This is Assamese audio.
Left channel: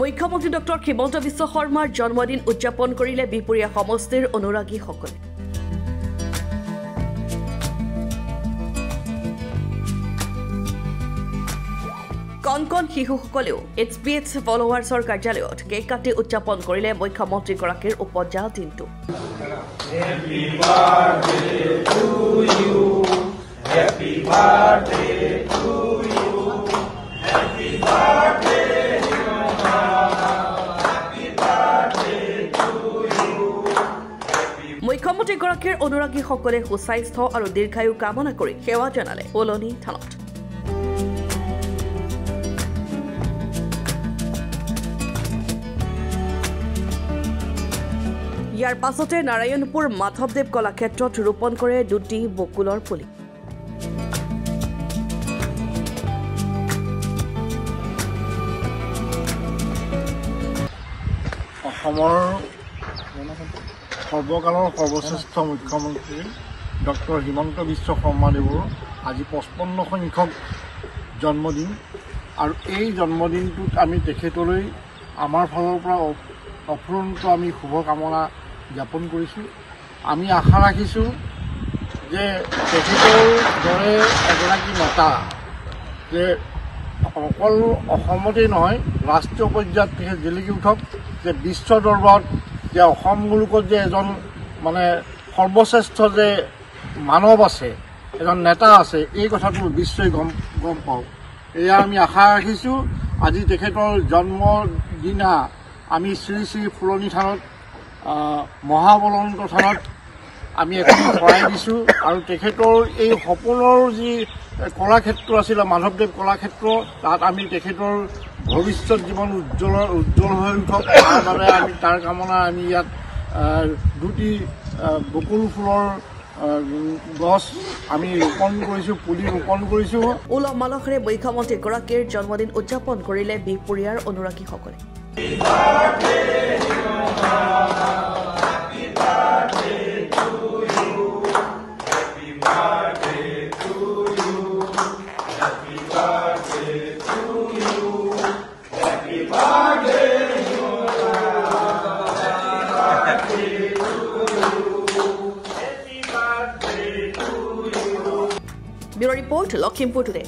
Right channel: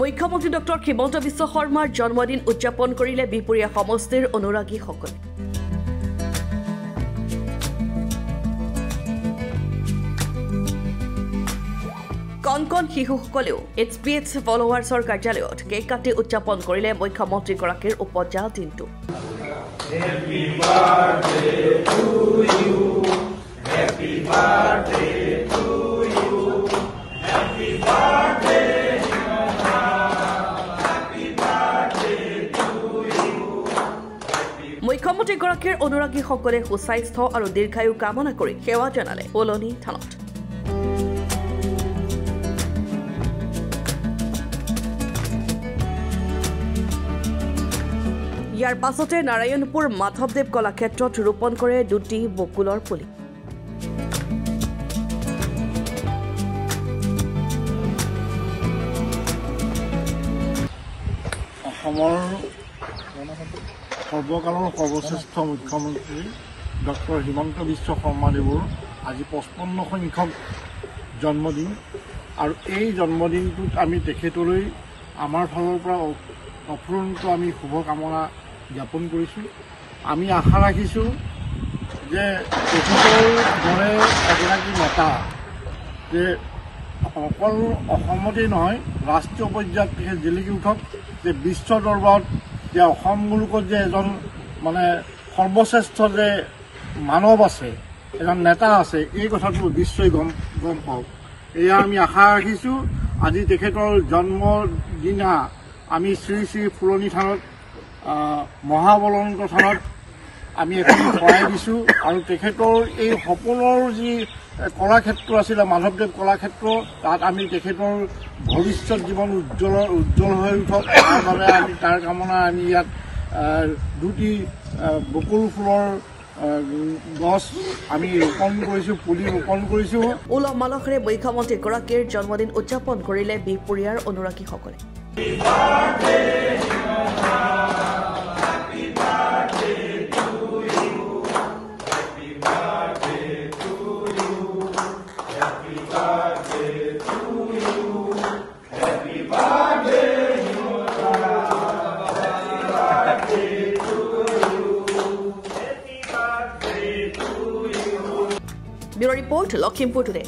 মুখ্যমন্ত্ৰী ডক্টৰ হিমন্ত বিশ্ব শৰ্মাৰ জন্মদিন উদযাপন কৰিলে বিপুৰীয়া সমষ্টিৰ অনুৰাগীসকলে। কণ শিশুসকলেও HPH ফলোৱাৰ্ছৰ কাৰ্যালয়ত কেক কাটি উদযাপন কৰিলে মুখ্যমন্ত্ৰীগৰাকীৰ উপজা দিনটো। মুখ্যমন্ত্ৰীগৰাকীৰ অনুৰাগীসকলে সুস্বাস্থ্য আৰু দীৰ্ঘায়ু কামনা কৰি সেৱা জনালে ফুলনি থানত। ইয়াৰ পাছতে নাৰায়ণপুৰ মাধৱদেৱ কলাক্ষেত্ৰত ৰোপণ কৰে দুটি বকুলৰ পুলি। অসমৰ সৰ্বকালৰ সৰ্বশ্ৰেষ্ঠ মুখ্যমন্ত্ৰী ডক্টৰ হিমন্ত বিশ্ব শৰ্মাদেৱৰ আজি 55 সংখ্যক জন্মদিন আৰু এই জন্মদিনটোত আমি তেখেতলৈ আমাৰ ফালৰ পৰা অফুৰন্ত আমি শুভকামনা জ্ঞাপন কৰিছোঁ। আমি আশা ৰাখিছোঁ যে তেখেতৰ দৰে এগৰাকী নেতা যে অকল অসমতেই নহয় ৰাষ্ট্ৰীয় পৰ্যায়ত তেখেত জিলিকি উঠক, যে বিশ্ব দৰবাৰত যে অসম মুলুকত যে এজন মানে সৰ্বশ্ৰেষ্ঠ যে মানৱ আছে, এজন নেতা আছে, এই কথাটো বিশ্বই গম পাওক। এয়া আমি আশা ৰাখিছোঁ। আজি তেখেতৰ জন্মদিনা আমি শ্ৰী শ্ৰী ফুলনি থানত মহাবলন্ত থানত আমি এখন শৰাই দিছোঁ আৰু তেখেতৰ এই সপোনৰ যি কলাক্ষেত্ৰ আছিলে মাধৱদেৱ কলাক্ষেত্ৰ, তাত আমি তেখেতৰ ভৱিষ্যত জীৱন উজ্জ্বল হৈ উঠক, তাৰ বাবে আমি তাৰ কামনা আমি ইয়াত দুটি বকুল ফুলৰ গছ আমি ৰোপণ কৰিছোঁ, পুলি ৰোপণ কৰিছোঁ। উলহ মালহেৰে মুখ্যমন্ত্ৰীগৰাকীৰ জন্মদিন উদযাপন কৰিলে বিহপুৰীয়াৰ অনুৰাগীসকলে। Bureau Report, Lakhimpur Today.